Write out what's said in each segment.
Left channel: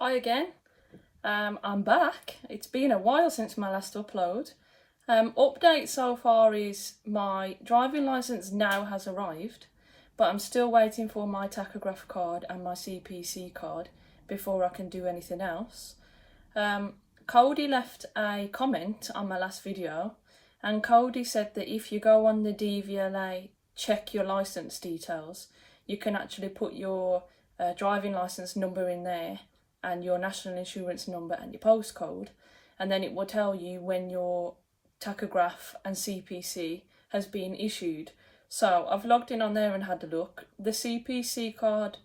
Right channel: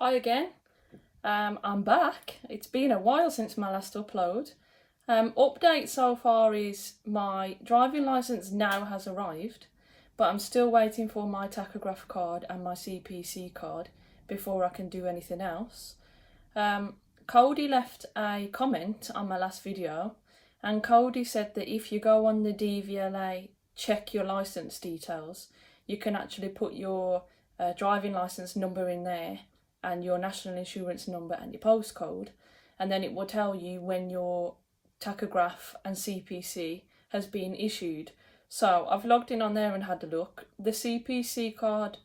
Hi again. I'm back. It's been a while since my last upload. Update so far is my driving licence now has arrived, but I'm still waiting for my tachograph card and my CPC card before I can do anything else. Cody left a comment on my last video, and Cody said that if you go on the DVLA, check your licence details, you can actually put your driving licence number in there and your national insurance number and your postcode, and then it will tell you when your tachograph and CPC has been issued. So I've logged in on there and had a look. The CPC card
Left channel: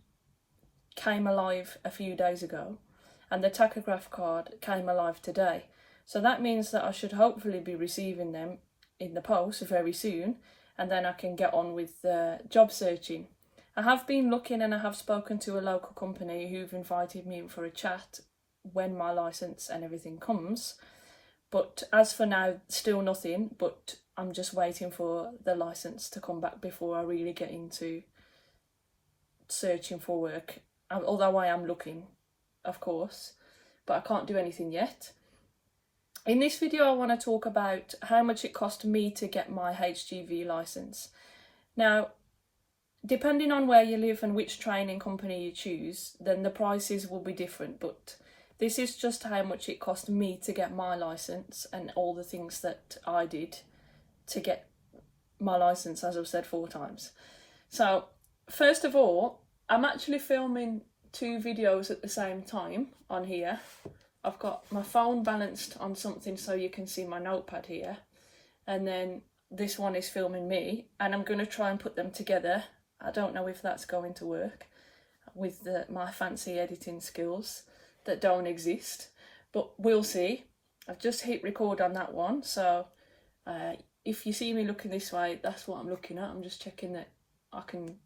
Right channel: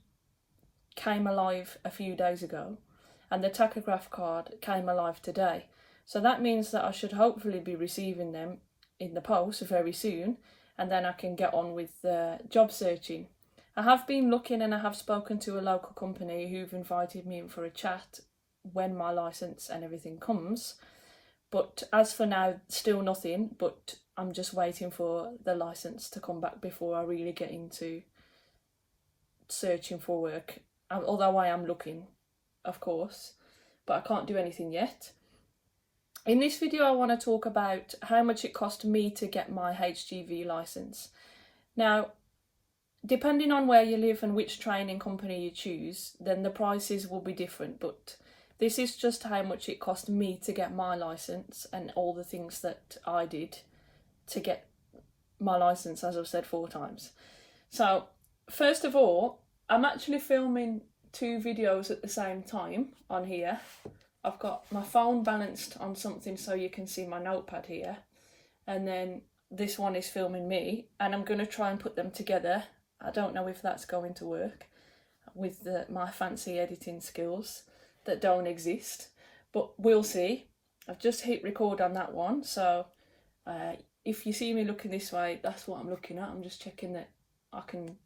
came alive a few days ago and the tachograph card came alive today. So that means that I should hopefully be receiving them in the post very soon, and then I can get on with job searching. I have been looking and I have spoken to a local company who've invited me in for a chat when my licence and everything comes. But as for now, still nothing, but I'm just waiting for the licence to come back before I really get into searching for work. Although I am looking, of course, but I can't do anything yet. In this video, I want to talk about how much it cost me to get my HGV licence. Now, depending on where you live and which training company you choose, then the prices will be different, but this is just how much it cost me to get my licence and all the things that I did to get my licence, as I've said 4 times. So, first of all, I'm actually filming 2 videos at the same time on here. I've got my phone balanced on something so you can see my notepad here, and then this one is filming me, and I'm going to try and put them together. I don't know if that's going to work with my fancy editing skills that don't exist, but we'll see. I've just hit record on that one, so if you see me looking this way, that's what I'm looking at. I'm just checking that I can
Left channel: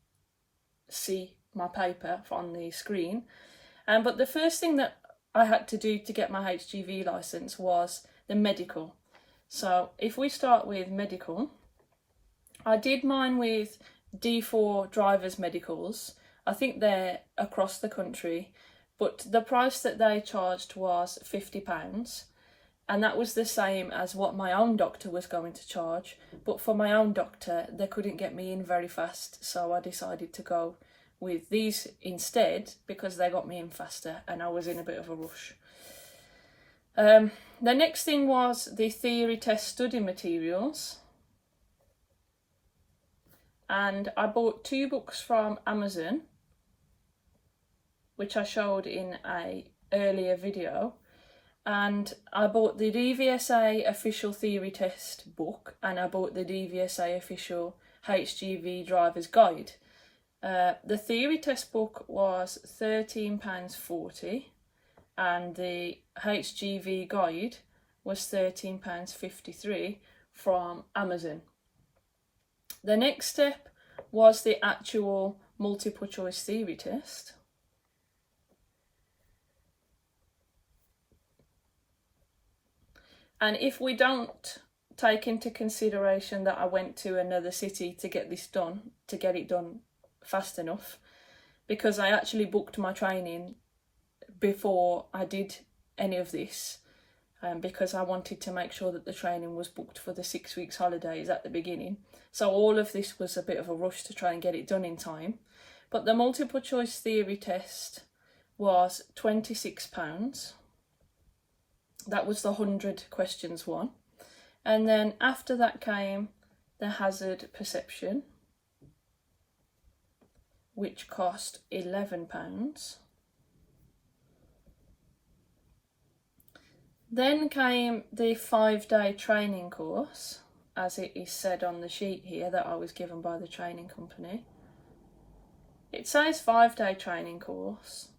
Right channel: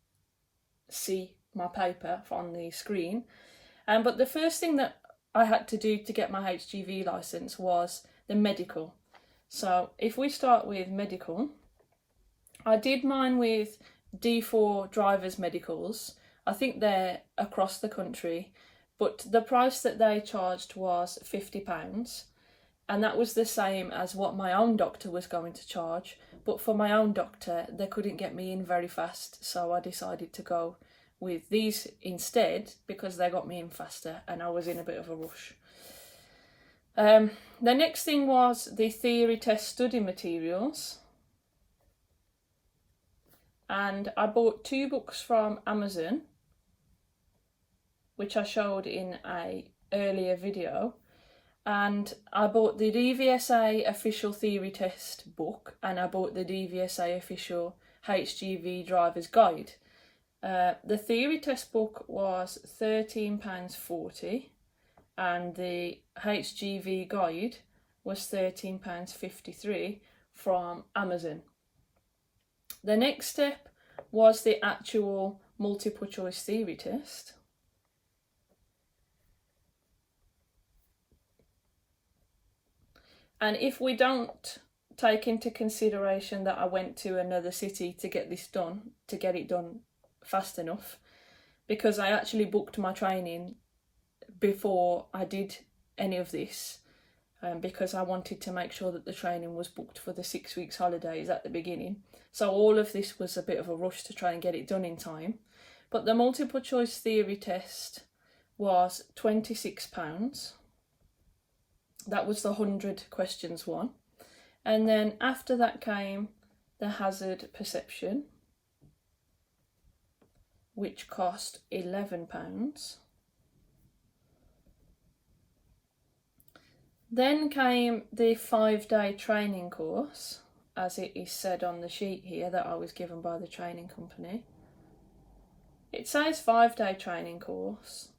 see my paper on the screen. But the first thing that I had to do to get my HGV licence was the medical. So if we start with medical, I did mine with D4 drivers medicals. I think they're across the country, but the price that they charged was £50, and that was the same as what my own doctor was going to charge. But for my own doctor, they couldn't get me in very fast, so I decided to go with these instead because they got me in faster and I was in a bit of a rush. The next thing was the theory test study materials, and I bought 2 books from Amazon, which I showed in a earlier video, and I bought the DVSA official theory test book and I bought the DVSA official HGV driver's guide. The theory test book was £13.40 and the HGV guide was £13.53 from Amazon. The next step was the actual multiple choice theory test. And if we don't take into consideration that I went to another city to get this done, to get it done fast enough, because I actually booked my training before I did any of this, because I wanted to make sure that the training was booked for the 6 weeks holidays at the beginning. So all of this was a bit of a rush to try and get it done in time. But the multiple choice theory test was £26. That was the 100 questions one. And then after that came the hazard perception, which cost £11. Then came the 5-day training course, as it is said on the sheet here that I was given by the training company. It says 5-day training course,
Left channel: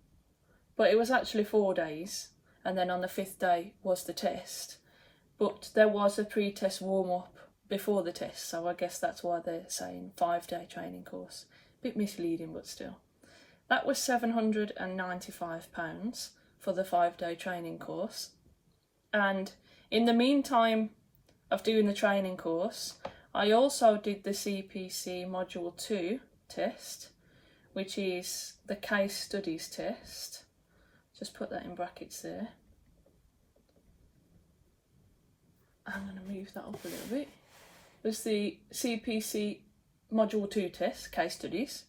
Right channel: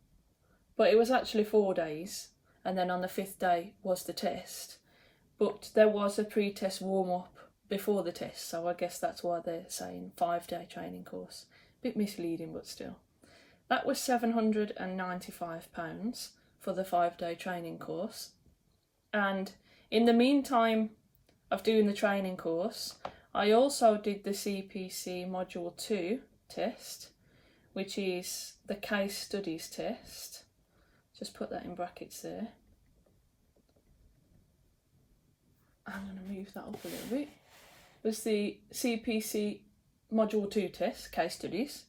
but it was actually 4 days, and then on the 5th day was the test. But there was a pre-test warm-up before the test, so I guess that's why they're saying 5-day training course. Bit misleading, but still. That was £795 for the 5-day training course. And in the meantime of doing the training course, I also did the CPC Module 2 test, which is the case studies test. Just put that in brackets there. I'm going to move that up a little bit. Was the CPC Module 2 test, case studies,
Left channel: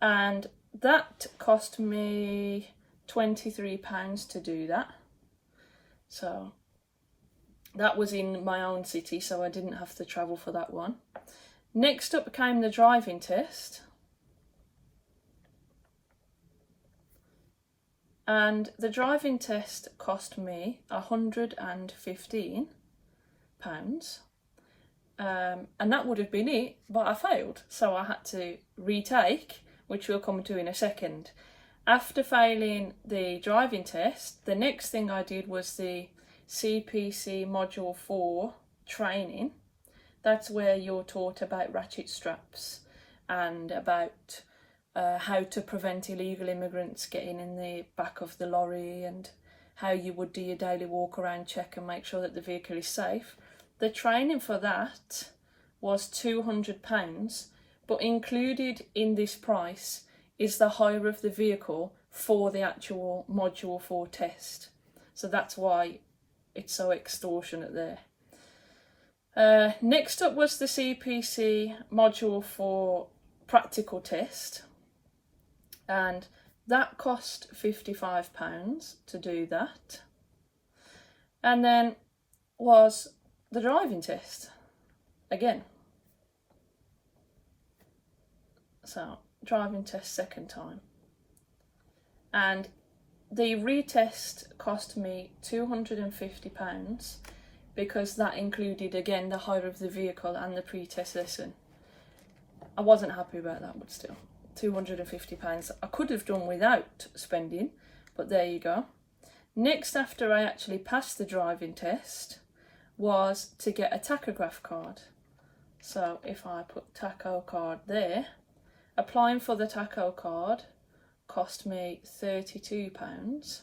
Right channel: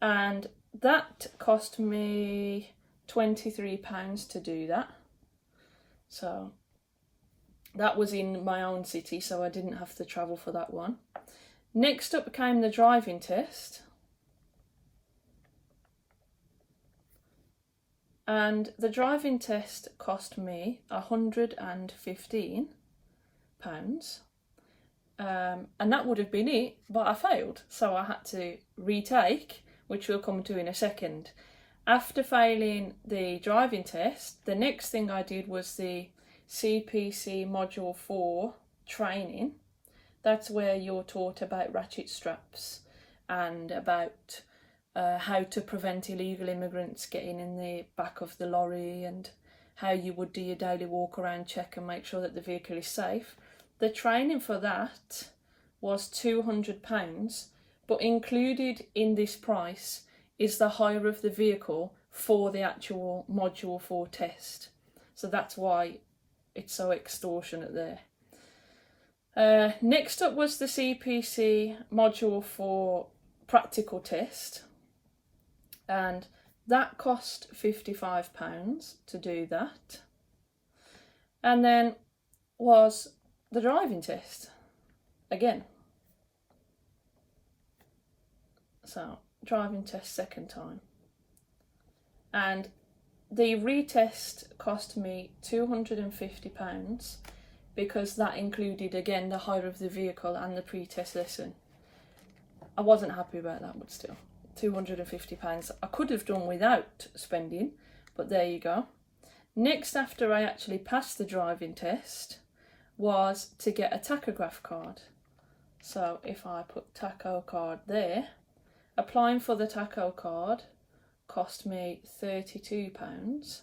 and that cost me £23 to do that. So that was in my own city, so I didn't have to travel for that one. Next up came the driving test. And the driving test cost me £115. And that would have been it, but I failed. So I had to retake, which we'll come to in a second. After failing the driving test, the next thing I did was the CPC Module 4 training. That's where you're taught about ratchet straps and about how to prevent illegal immigrants getting in the back of the lorry, and how you would do your daily walk around check and make sure that the vehicle is safe. The training for that was £200, but included in this price is the hire of the vehicle for the actual Module 4 test. So that's why it's so extortionate there. Next up was the CPC Module 4 practical test, and that cost £55 to do that. And then was the driving test again. So driving test second time, and the retest cost me £250 because that included again the hire of the vehicle and the pre-test lesson. I wasn't happy about that, but still, £250 I could have done without spending, but there you go. Next, after I actually passed the driving test, was to get a tachograph card. So if I put tacho card there, applying for the tacho card cost me £32,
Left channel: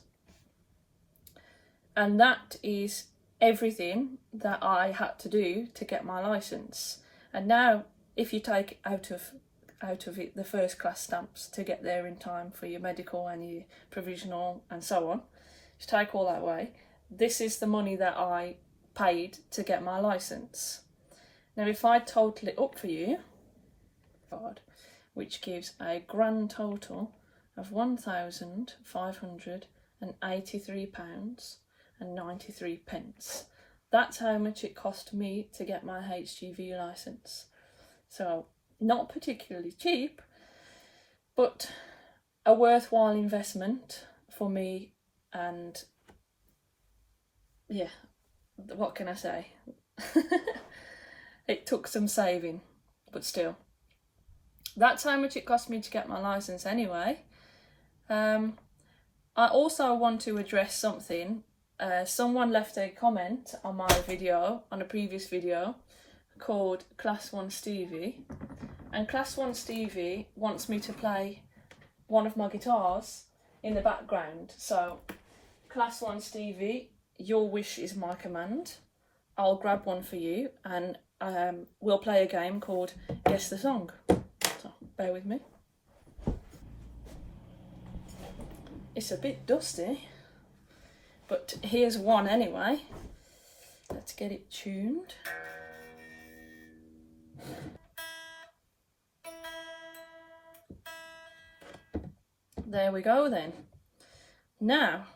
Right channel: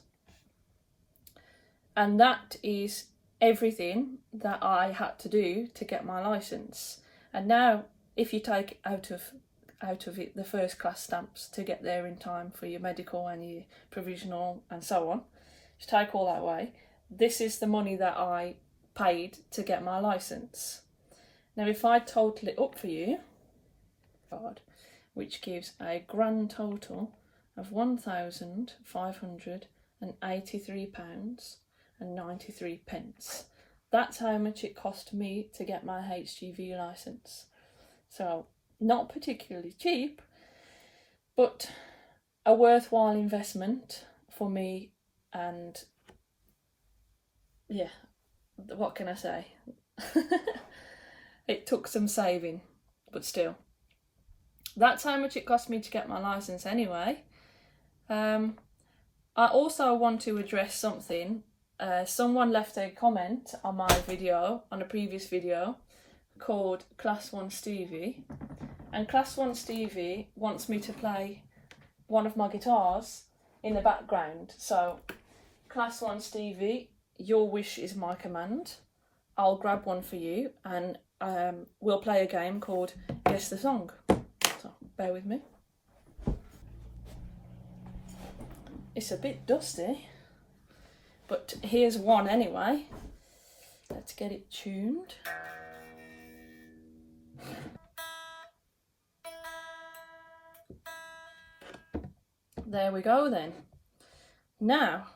and that is everything that I had to do to get my licence. And now if you take out of it the first class stamps to get there in time for your medical and your provisional and so on, to take all that away, this is the money that I paid to get my licence. Now if I total it up for you, which gives a grand total of £1,583.93. That's how much it cost me to get my HGV licence. So not particularly cheap, but a worthwhile investment for me. And yeah, what can I say? It took some saving, but still. That's how much it cost me to get my licence anyway. I also want to address something. Someone left a comment on my video, on a previous video, called Class 1 Stevie. And Class 1 Stevie wants me to play one of my guitars in the background. So, Class 1 Stevie, your wish is my command. I'll grab one for you, and we'll play a game called Guess the Song. So, bear with me. It's a bit dusty, but here's one anyway. Let's get it tuned. There we go then. Now,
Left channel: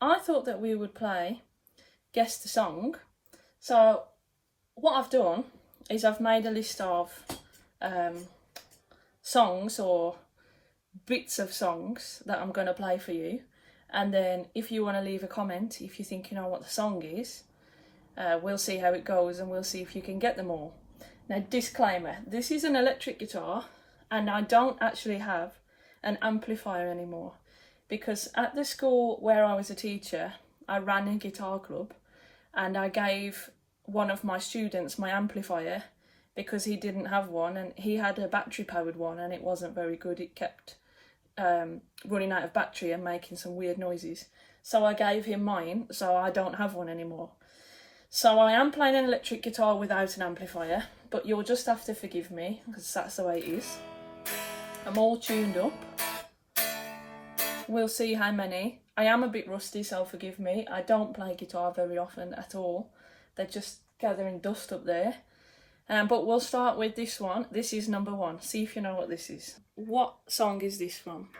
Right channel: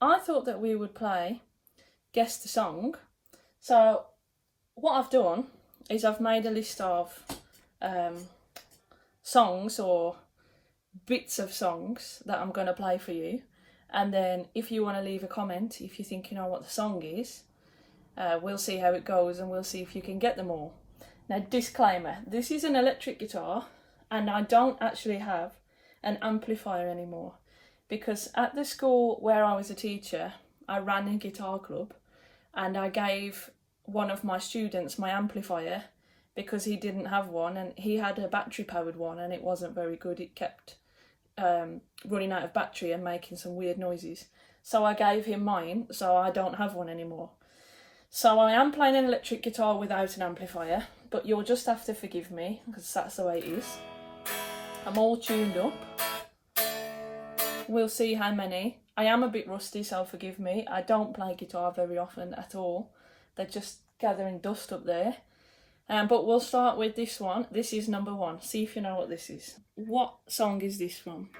I thought that we would play Guess the Song. So, what I've done is I've made a list of songs or bits of songs that I'm going to play for you. And then if you want to leave a comment, if you think you know what the song is, we'll see how it goes and we'll see if you can get them all. Now, disclaimer, this is an electric guitar and I don't actually have an amplifier anymore, because at the school where I was a teacher, I ran a guitar club and I gave one of my students my amplifier because he didn't have one, and he had a battery powered one and it wasn't very good. It kept running out of battery and making some weird noises. So I gave him mine, so I don't have one anymore. So I am playing an electric guitar without an amplifier, but you'll just have to forgive me because that's the way it is. I'm all tuned up. We'll see how many I am a bit rusty, so forgive me. I don't play guitar very often at all. They're just gathering dust up there. But we'll start with this one. This is number 1. See if you know what this is. What song is this from?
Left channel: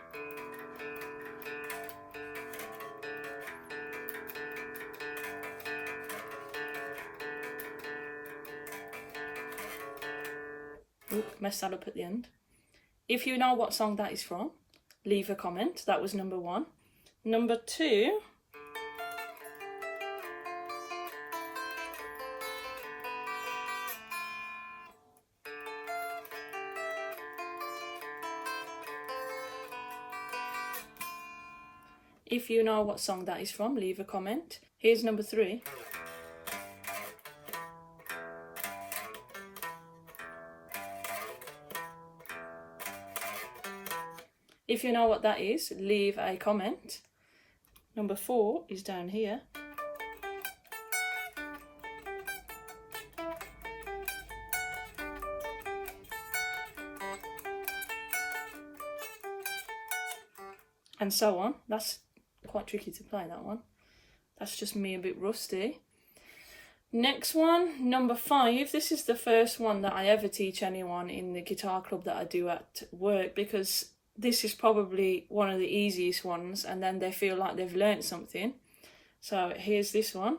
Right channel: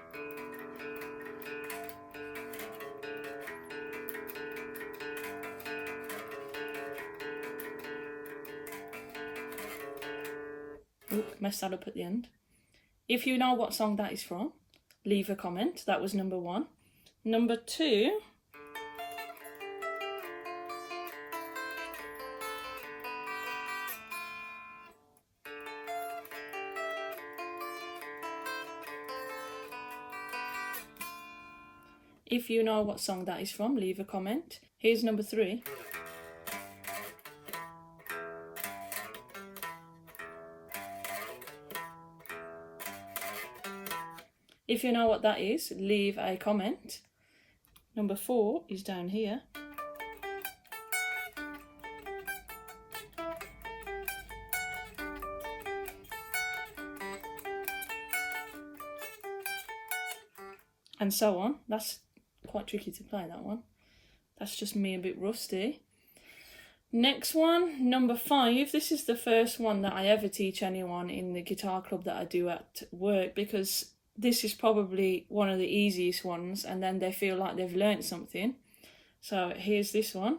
Oh, messed that up at the end. If you know what song that is from, leave a comment. That was number 1. Number 2. If you know what song that is from, leave a comment. Here's number 3. If you know what that is, leave a comment. Number 4 is down here. And so on. That's quite tricky to play, that one. That's just me a bit rusty. Next one, number 5. This is the first one that I ever teach anyone in the guitar club that I do at work, because this is probably one of the easiest ones, and then they feel like they've learnt something. So here's this one.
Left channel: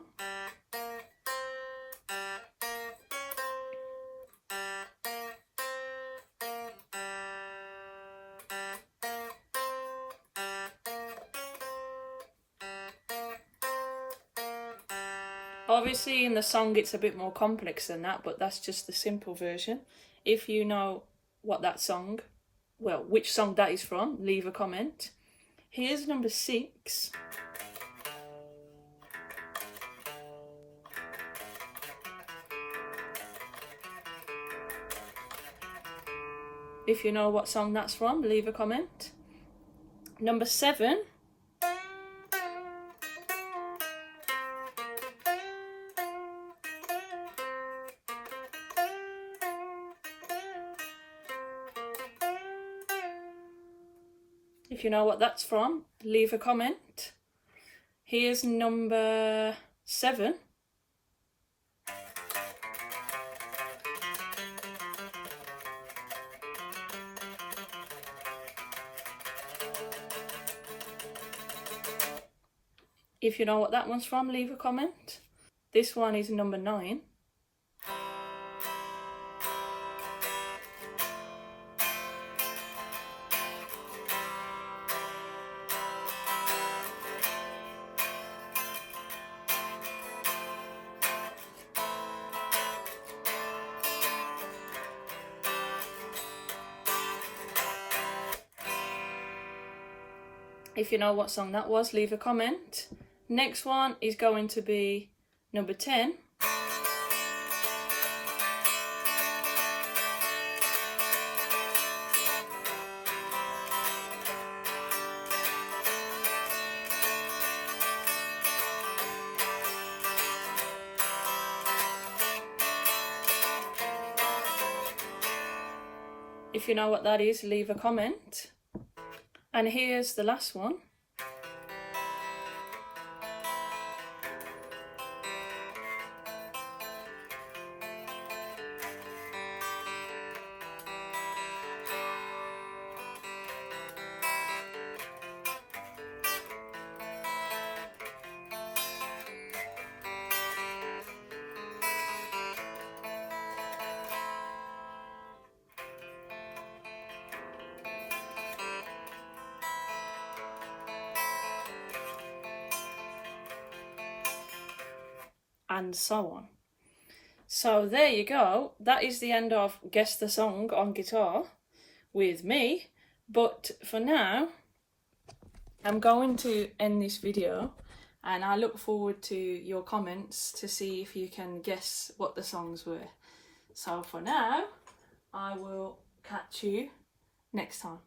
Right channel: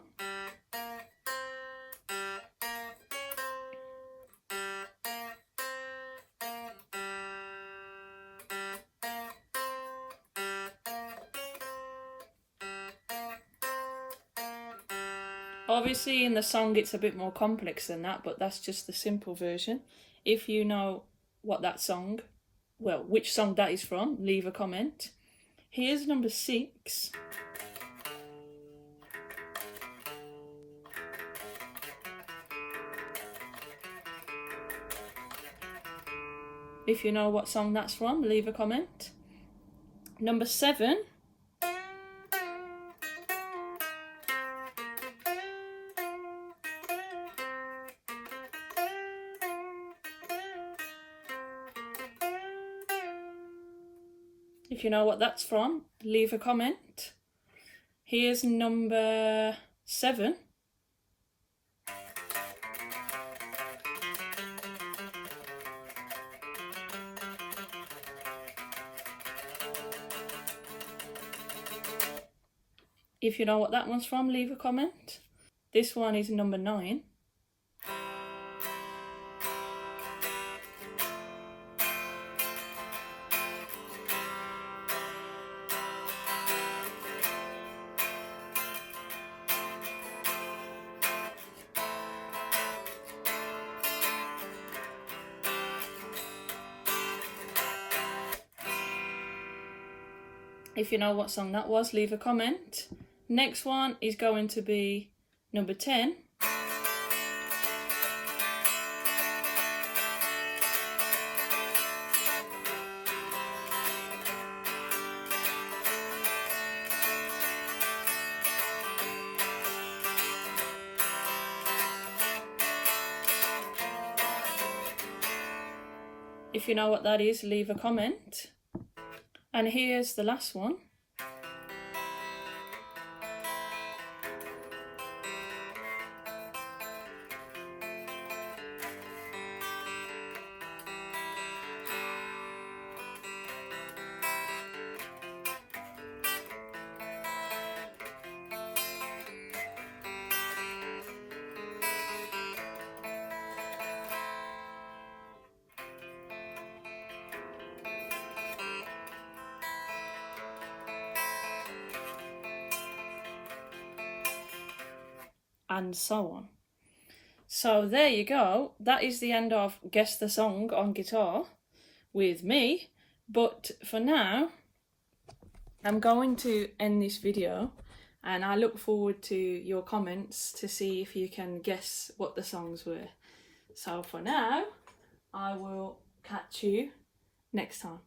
Obviously in the song it's a bit more complex than that, but that's just the simple version. If you know what that song, well, which song that is from, leave a comment. Here's number 6. If you know what song that's from, leave a comment. Number 7. If you know what that's from, leave a comment. Here's number 7. If you know what that one's from, leave a comment. This one is number 9. If you know what song that was, leave a comment. Next one is going to be number 10. If you know what that is, leave a comment. And here's the last one. And so on. So there you go. That is the end of Guess the Song on guitar with me. But for now, I'm going to end this video, and I look forward to your comments to see if you can guess what the songs were. So for now, I will catch you next time.